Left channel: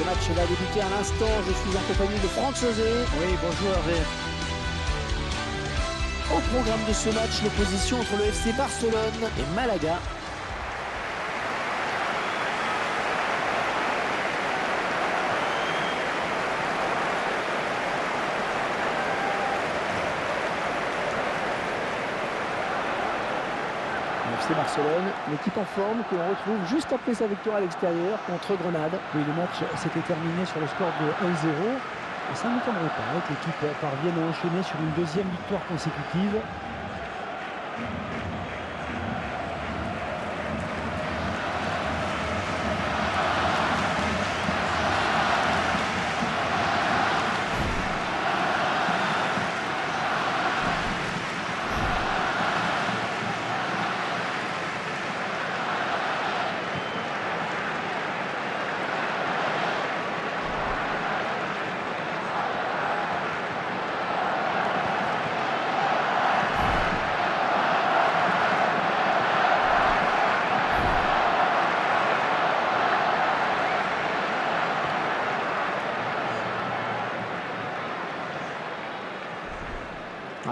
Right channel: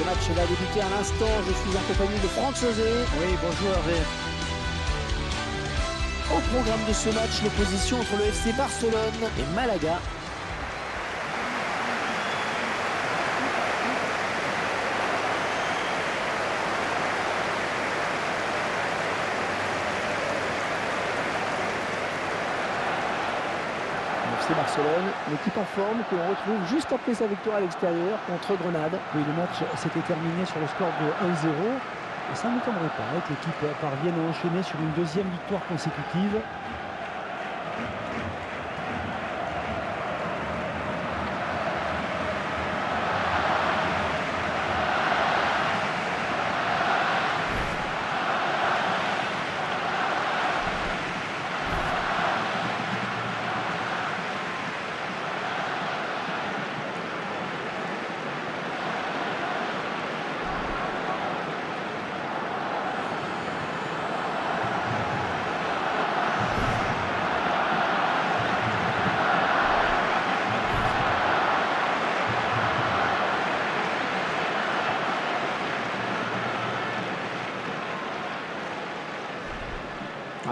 Ce match va débuter à l'instant. Je suis en compagnie de Franck Sauzet. Oui, bonjour Hervé. Au programme de ce match, l'opposition entre le FC Barcelone et Malaga. Le FC Barcelone, l'équipe en forme que l'on retrouve juste après sa victoire à l'extérieur contre Grenade. Oui, le match s'était terminé sur le score de 1-0. Et ça ne m'étonnerait pas que l'équipe parvienne à enchaîner sur une deuxième victoire consécutive.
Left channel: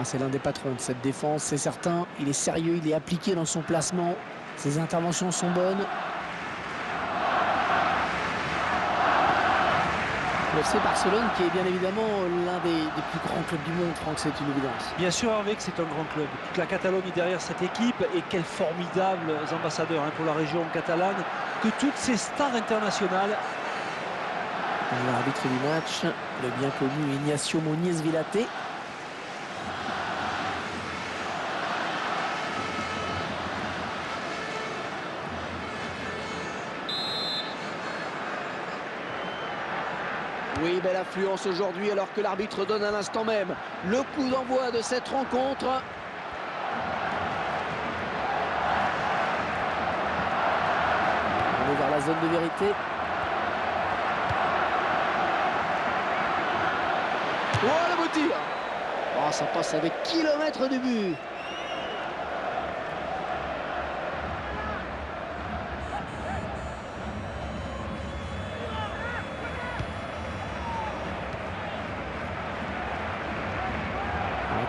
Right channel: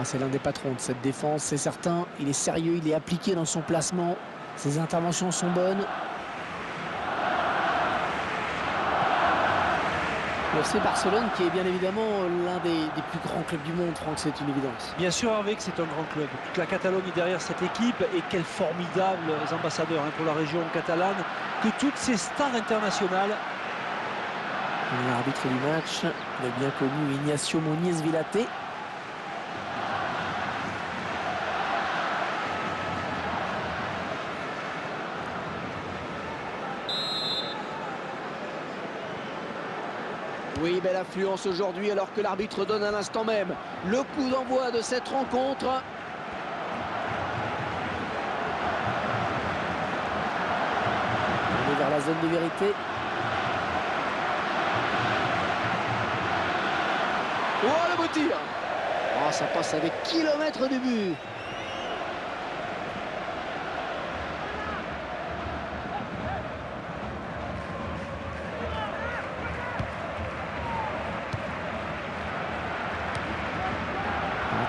C'est l'un des patrons de cette défense, c'est certain. Il est sérieux, il est appliqué dans son placement. Ses interventions sont bonnes. Le FC Barcelone qui est bien évidemment l'un des plus grands clubs du monde, Franck, c'est une évidence. Bien sûr Hervé que c'est un grand club. Toute la Catalogne est derrière cette équipe et quels formidables ambassadeurs pour la région catalane. Que toutes ces stars internationales. L'arbitre du match, le bien connu Ignacio Muniz Villaté. Oui, belle affluence aujourd'hui alors que l'arbitre donne à l'instant même le coup d'envoi de cette rencontre. On est vers la zone de vérité. Oh, le beau tir! Oh, ça passe à des kilomètres du but.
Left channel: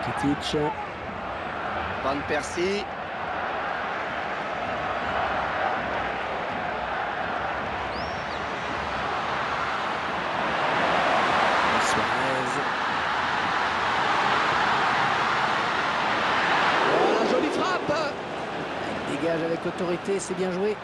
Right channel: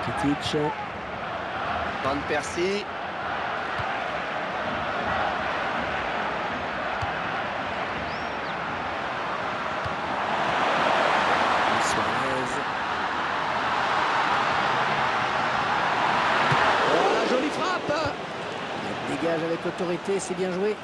Rakitic. Van Persie. Suarez. Oh, la jolie frappe! Elle dégage avec autorité, c'est bien joué.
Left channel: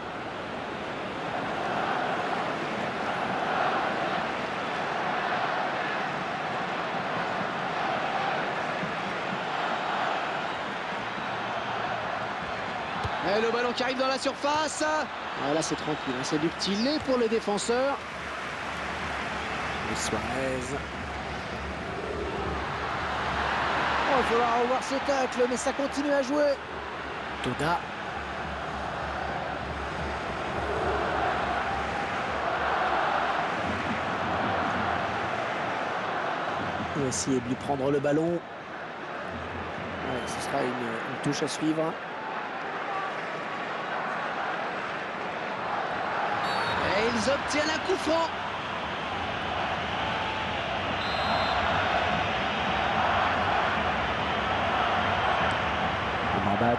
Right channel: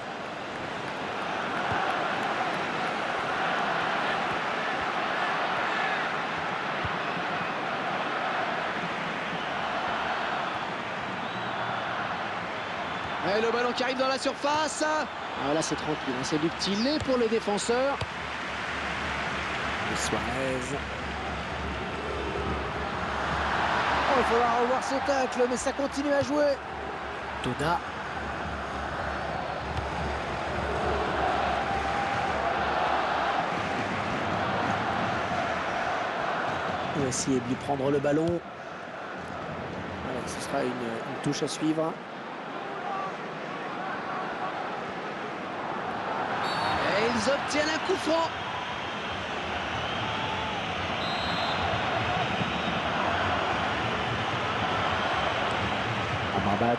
Et le ballon qui arrive dans la surface. Ah, là c'est tranquille, hein. C'est du petit lait pour les défenseurs. Et Suarez. Oh, il faudra revoir ce tacle, mais ça continue à jouer. Toda. On va essayer de lui prendre le ballon. Ouais, ce sera une touche à suivre. Et ils obtiennent un coup franc. Amrabat.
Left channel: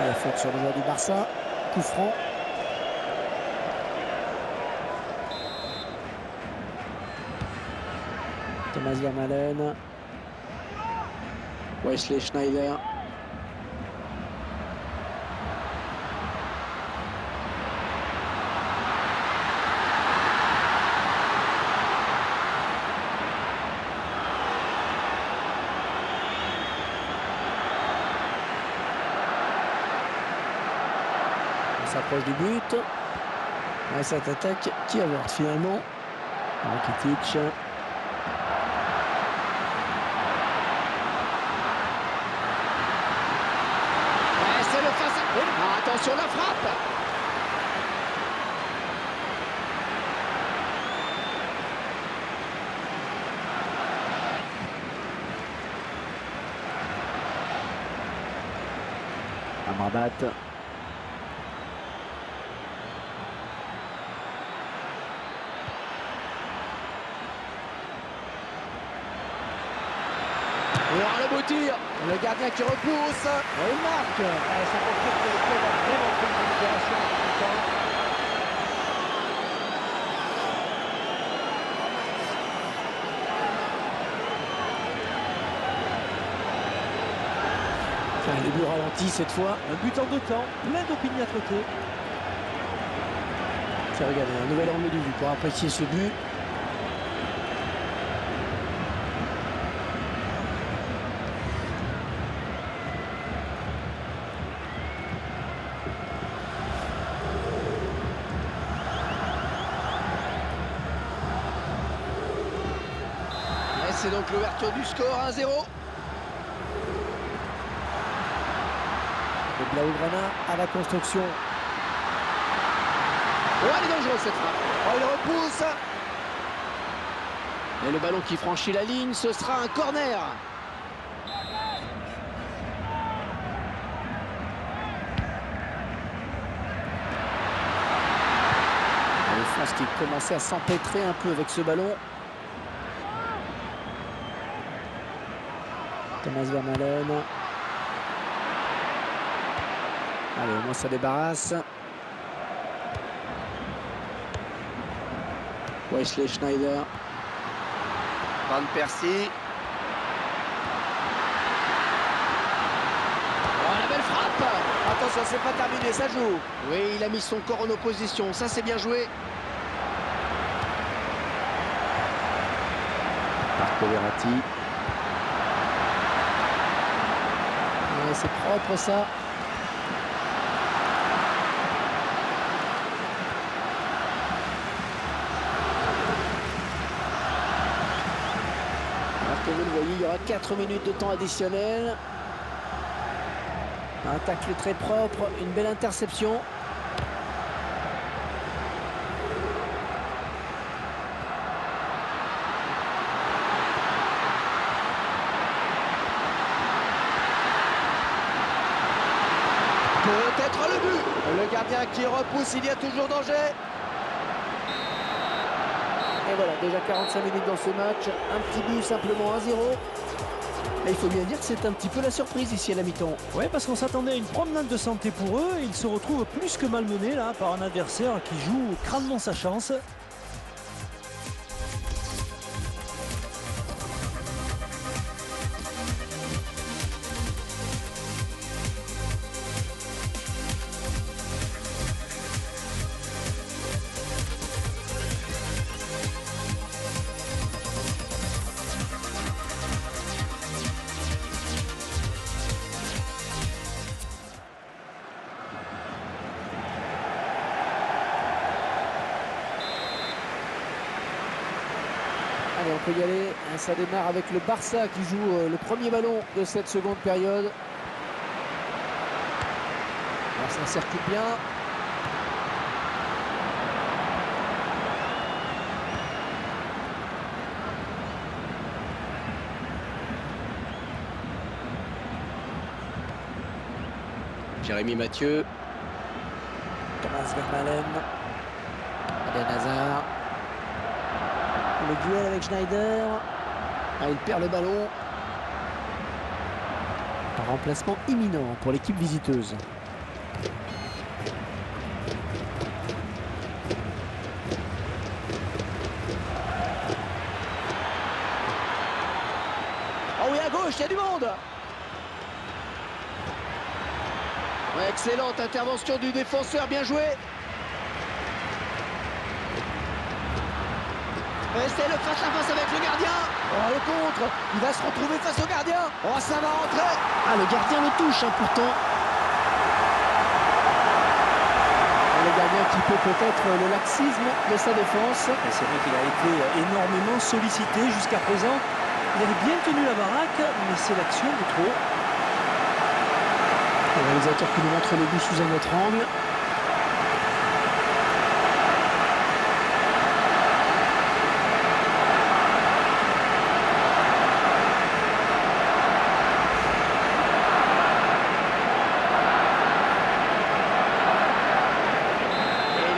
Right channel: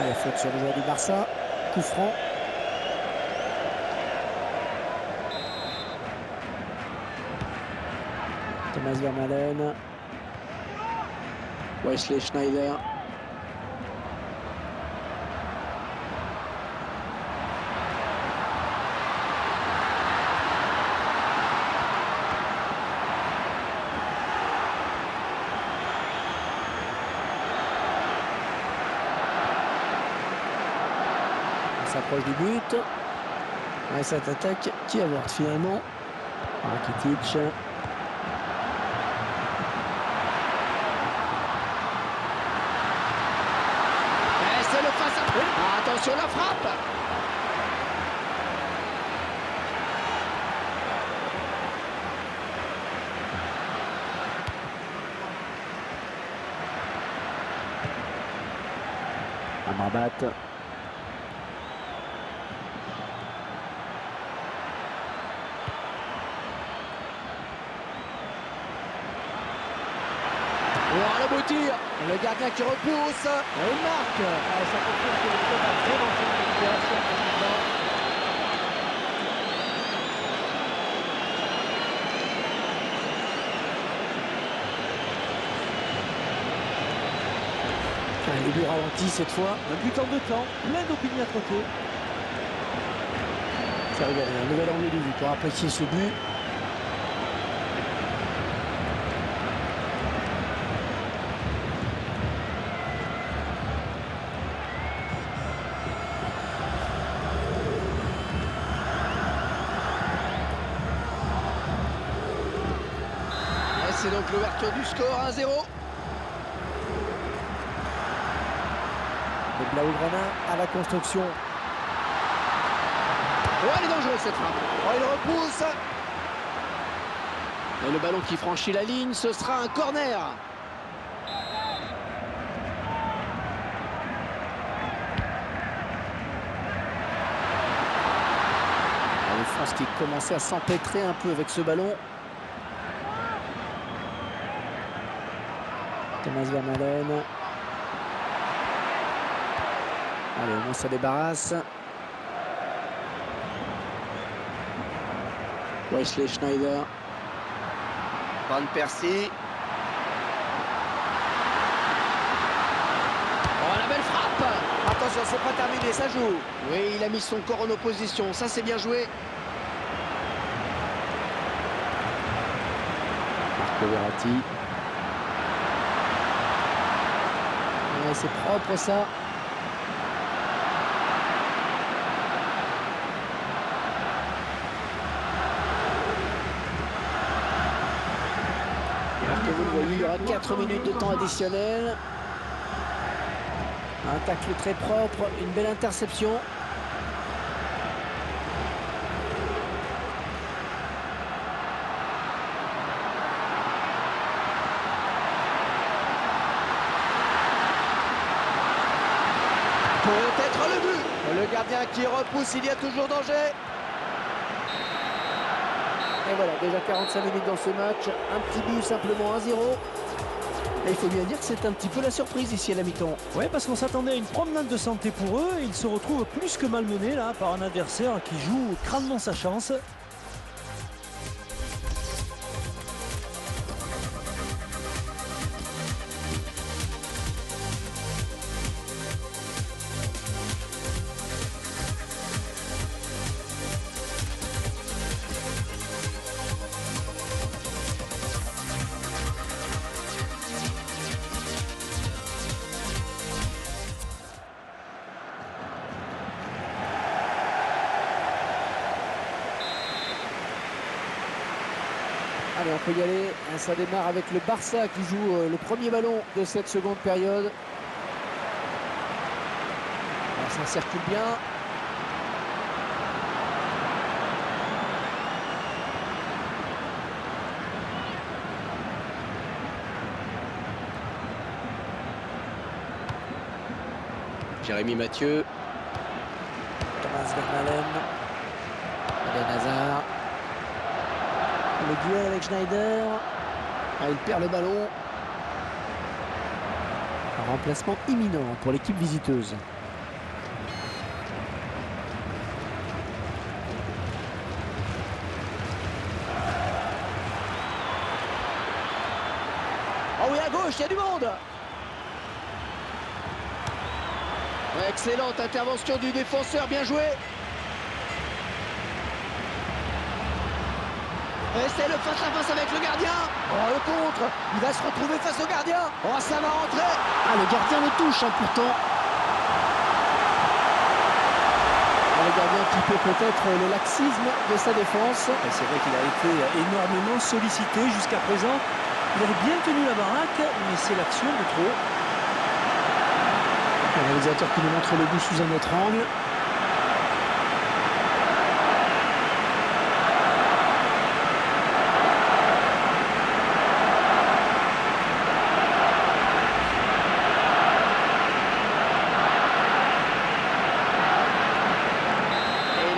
Et la faute sur le joueur du Barça. Coup franc. Thomas Vermaelen. Wesley Schneider. On s'approche du but. Ouais, cette attaque qui avorte finalement. Rakitic. C'est le face à... Ah, attention la frappe. Amrabat. Oh, le beau tir. Le gardien qui repousse. Et il marque. Ça confirme que le club a vraiment fait une bonne opération en tout temps. Le but ralenti cette fois. Un but en 2 temps, plein d'opiniâtreté. Tiens, regardez, un nouvel angle de vue pour apprécier ce but. Et c'est donc l'ouverture du score, 1-0. Et Blaugrana à la construction. Oh, elle est dangereuse cette frappe. Oh, il repousse. Et le ballon qui franchit la ligne, ce sera un corner. La défense qui commençait à s'empêtrer un peu avec ce ballon. Thomas Vermaelen. Allez, au moins ça débarrasse. Wesley Schneider. Van Persie. Oh, la belle frappe. Attention, c'est pas terminé, ça joue. Oui, il a mis son corps en opposition, ça c'est bien joué. Marco Verratti. Ouais, c'est propre ça. Comme vous le voyez, il y aura 4 minutes de temps additionnel. Un tacle très propre, une belle interception. Peut-être le but. Le gardien qui repousse, il y a toujours danger. Et voilà, déjà 45 minutes dans ce match, un petit but simplement 1-0. Et il faut bien dire que c'est un petit peu la surprise ici à la mi-temps. Ouais, parce qu'on s'attendait à une promenade de santé pour eux. Ils se retrouvent plus que malmenés là par un adversaire qui joue crânement sa chance. Allez, on peut y aller. Ça démarre avec le Barça qui joue le premier ballon de cette seconde période. Alors, ça circule bien. Jérémy Mathieu. Thomas Vermaelen. Eden Hazard. Le duel avec Schneider. Ah, il perd le ballon. Un remplacement imminent pour l'équipe visiteuse. Oh oui, à gauche, il y a du monde. Ouais, excellente intervention du défenseur, bien joué. Et c'est le face-à-face avec le gardien. Oh, le contre. Il va se retrouver face au gardien. Oh, ça va rentrer. Ah, le gardien le touche, hein, pourtant. Et le gardien qui peut peut-être le laxisme de sa défense. Et c'est vrai qu'il a été énormément sollicité jusqu'à présent. Il avait bien tenu la baraque, mais c'est l'action de trop. Le réalisateur qui nous montre le but sous un autre angle.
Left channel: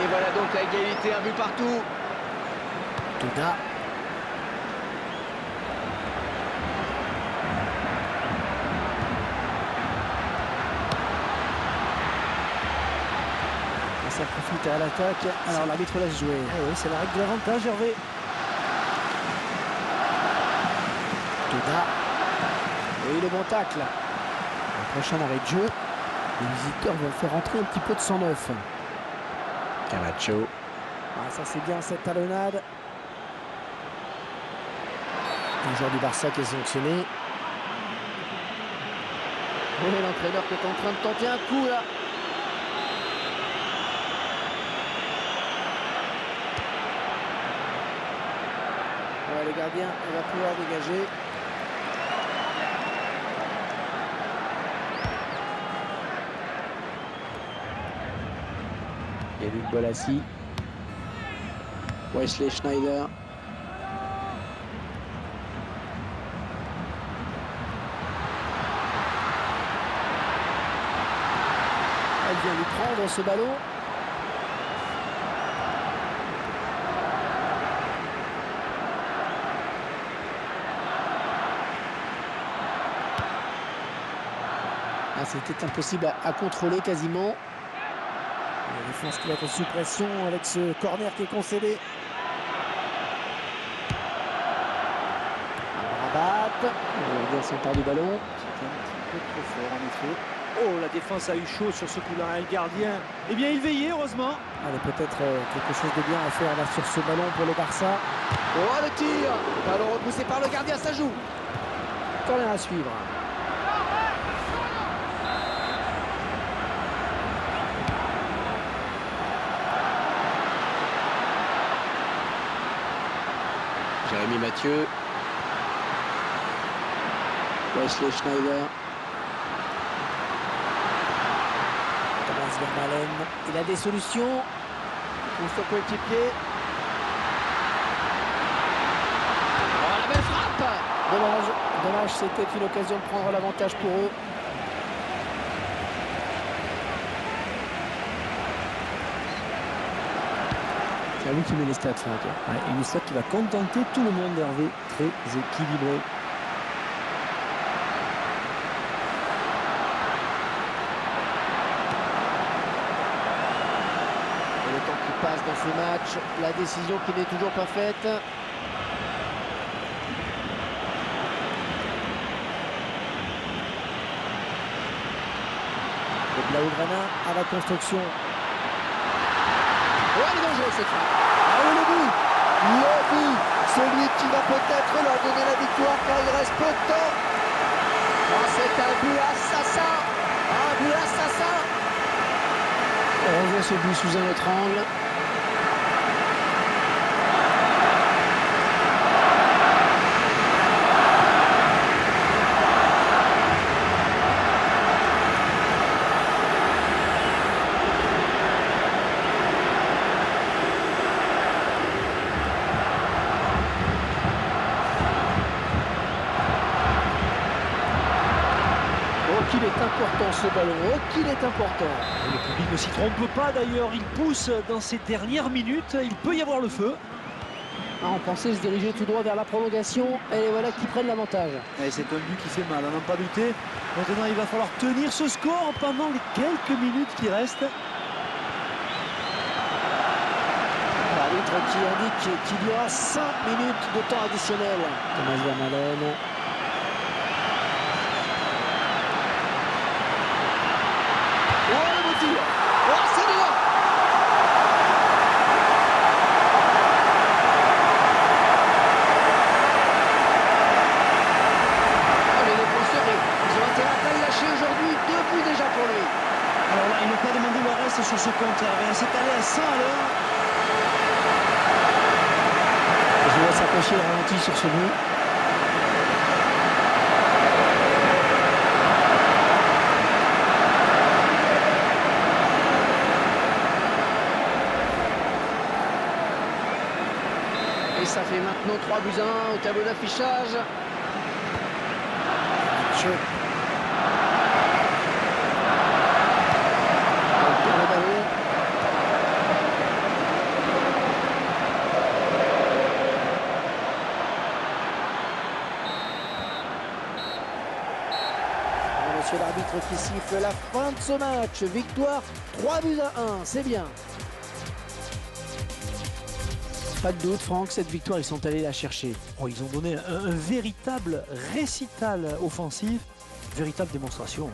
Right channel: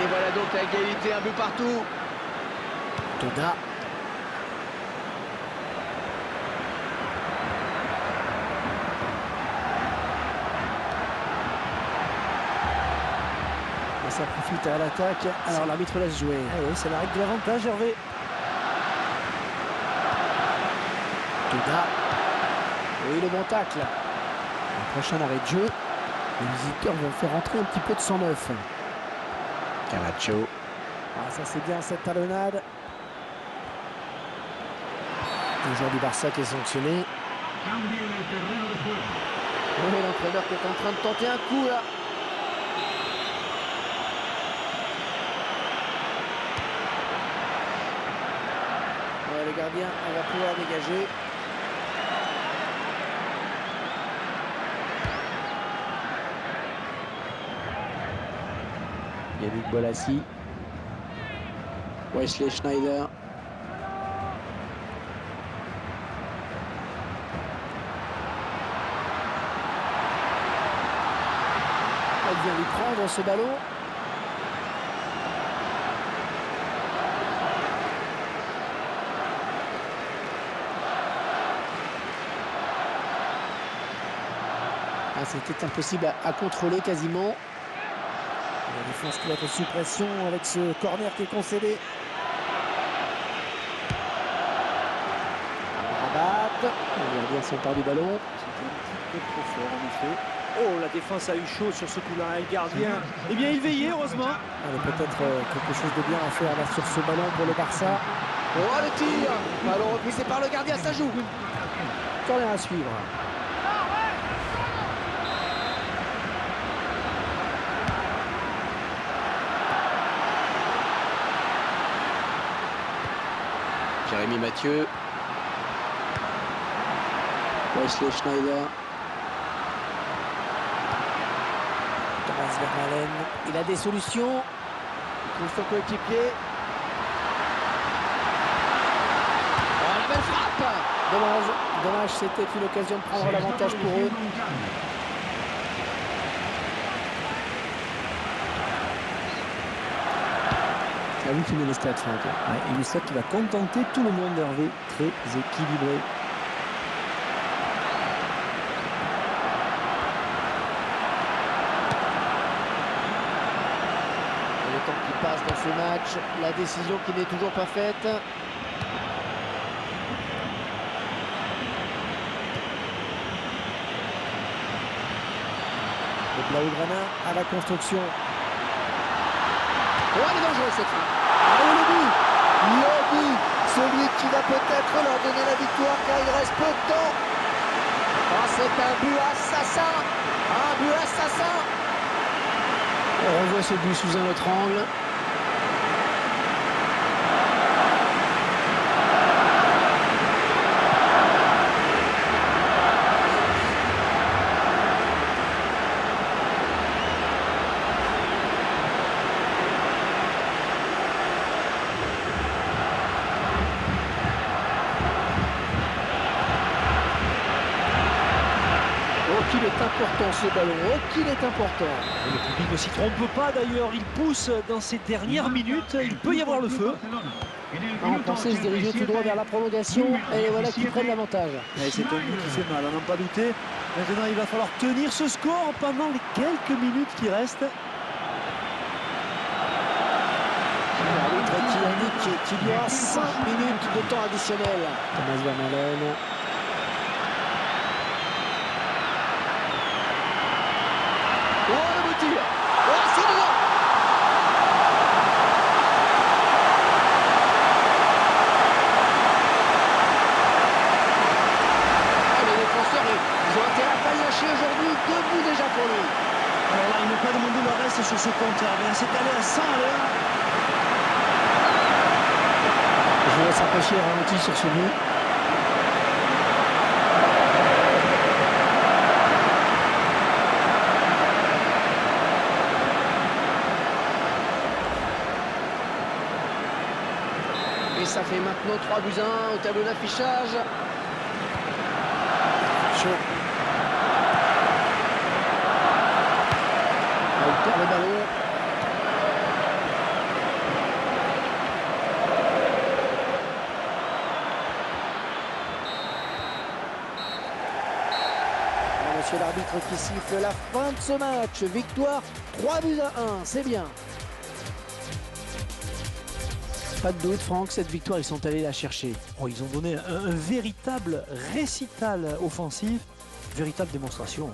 Voilà donc la égalité, un but partout. Toda. Ah, ça profite à l'attaque. Alors l'arbitre laisse jouer. Eh oui, c'est la règle de l'avantage, Hervé. Toda. Oui, le bon tacle. Le prochain arrêt de jeu. Les visiteurs vont faire entrer un petit peu de sang neuf. Camacho. Ah, ça c'est bien cette talonnade. Le joueur du Barça qui est sanctionné. Oui, l'entraîneur qui est en train de tenter un coup là. Ouais, le gardien va pouvoir dégager. Yannick Bolassi. Wesley Schneider. Elle vient lui prendre ce ballon. Ah, c'était impossible à contrôler quasiment. La défense qui va être sous pression avec ce corner qui est concédé. Rabat. Le gardien s'empare du ballon. C'était un petit peu trop fort en effet. Oh, la défense a eu chaud sur ce coup-là. Et le gardien, eh bien, il veillait, heureusement. Allez, peut-être quelque chose de bien à faire là sur ce ballon pour le Barça. Oh, le tir! Ballon repoussé par le gardien, ça joue. Corner à suivre. Jérémy Mathieu. Wesley Schneider. Thomas Vermaelen. Il a des solutions. Il trouve son coéquipier. Oh, la belle frappe! Dommage. Dommage, c'était une occasion de prendre l'avantage pour eux. C'est à vous qui met les stats, Franck. Ouais, et une stat qui va contenter tout le monde, Hervé. Très équilibré. Et le temps qui passe dans ce match, la décision qui n'est toujours pas faite. Le Blaugrana à la construction. Oh, elle est dangereuse cette frappe. Ah oui, le but! Le but! Celui qui va peut-être leur donner la victoire car il reste peu de temps. Oh, c'est un but assassin! Un but assassin! On revoit ce but sous un autre angle. Oh, qu'il est important ce ballon, oh, qu'il est important. Et le public ne s'y trompe pas d'ailleurs, il pousse dans ces dernières minutes, il peut y avoir le feu. Ah, on pensait se diriger tout droit vers la prolongation, et les voilà qui prennent l'avantage. Et c'est un but qui fait mal, à n'en pas douter. Maintenant, il va falloir tenir ce score pendant les quelques minutes qui restent. L'arbitre qui indique qu'il y aura 5 minutes de temps additionnel. Thomas Vermaelen. Oh, le beau tir! Oh, c'est dedans! Oh, les défenseurs, ils ont intérêt à pas le lâcher aujourd'hui. 2 buts déjà pour lui. Alors là, ils n'ont pas demandé le reste sur ce compteur. C'est allé à 100 à l'heure. Je laisse apprécier le ralenti sur ce but. Et ça fait maintenant 3 buts à 1 au tableau d'affichage. Chaud. Il perd le ballon. monsieur l'arbitre qui siffle la fin de ce match. Victoire 3-1, c'est bien. Pas de doute, Franck, cette victoire, ils sont allés la chercher. Oh, ils ont donné un véritable récital offensif, véritable démonstration.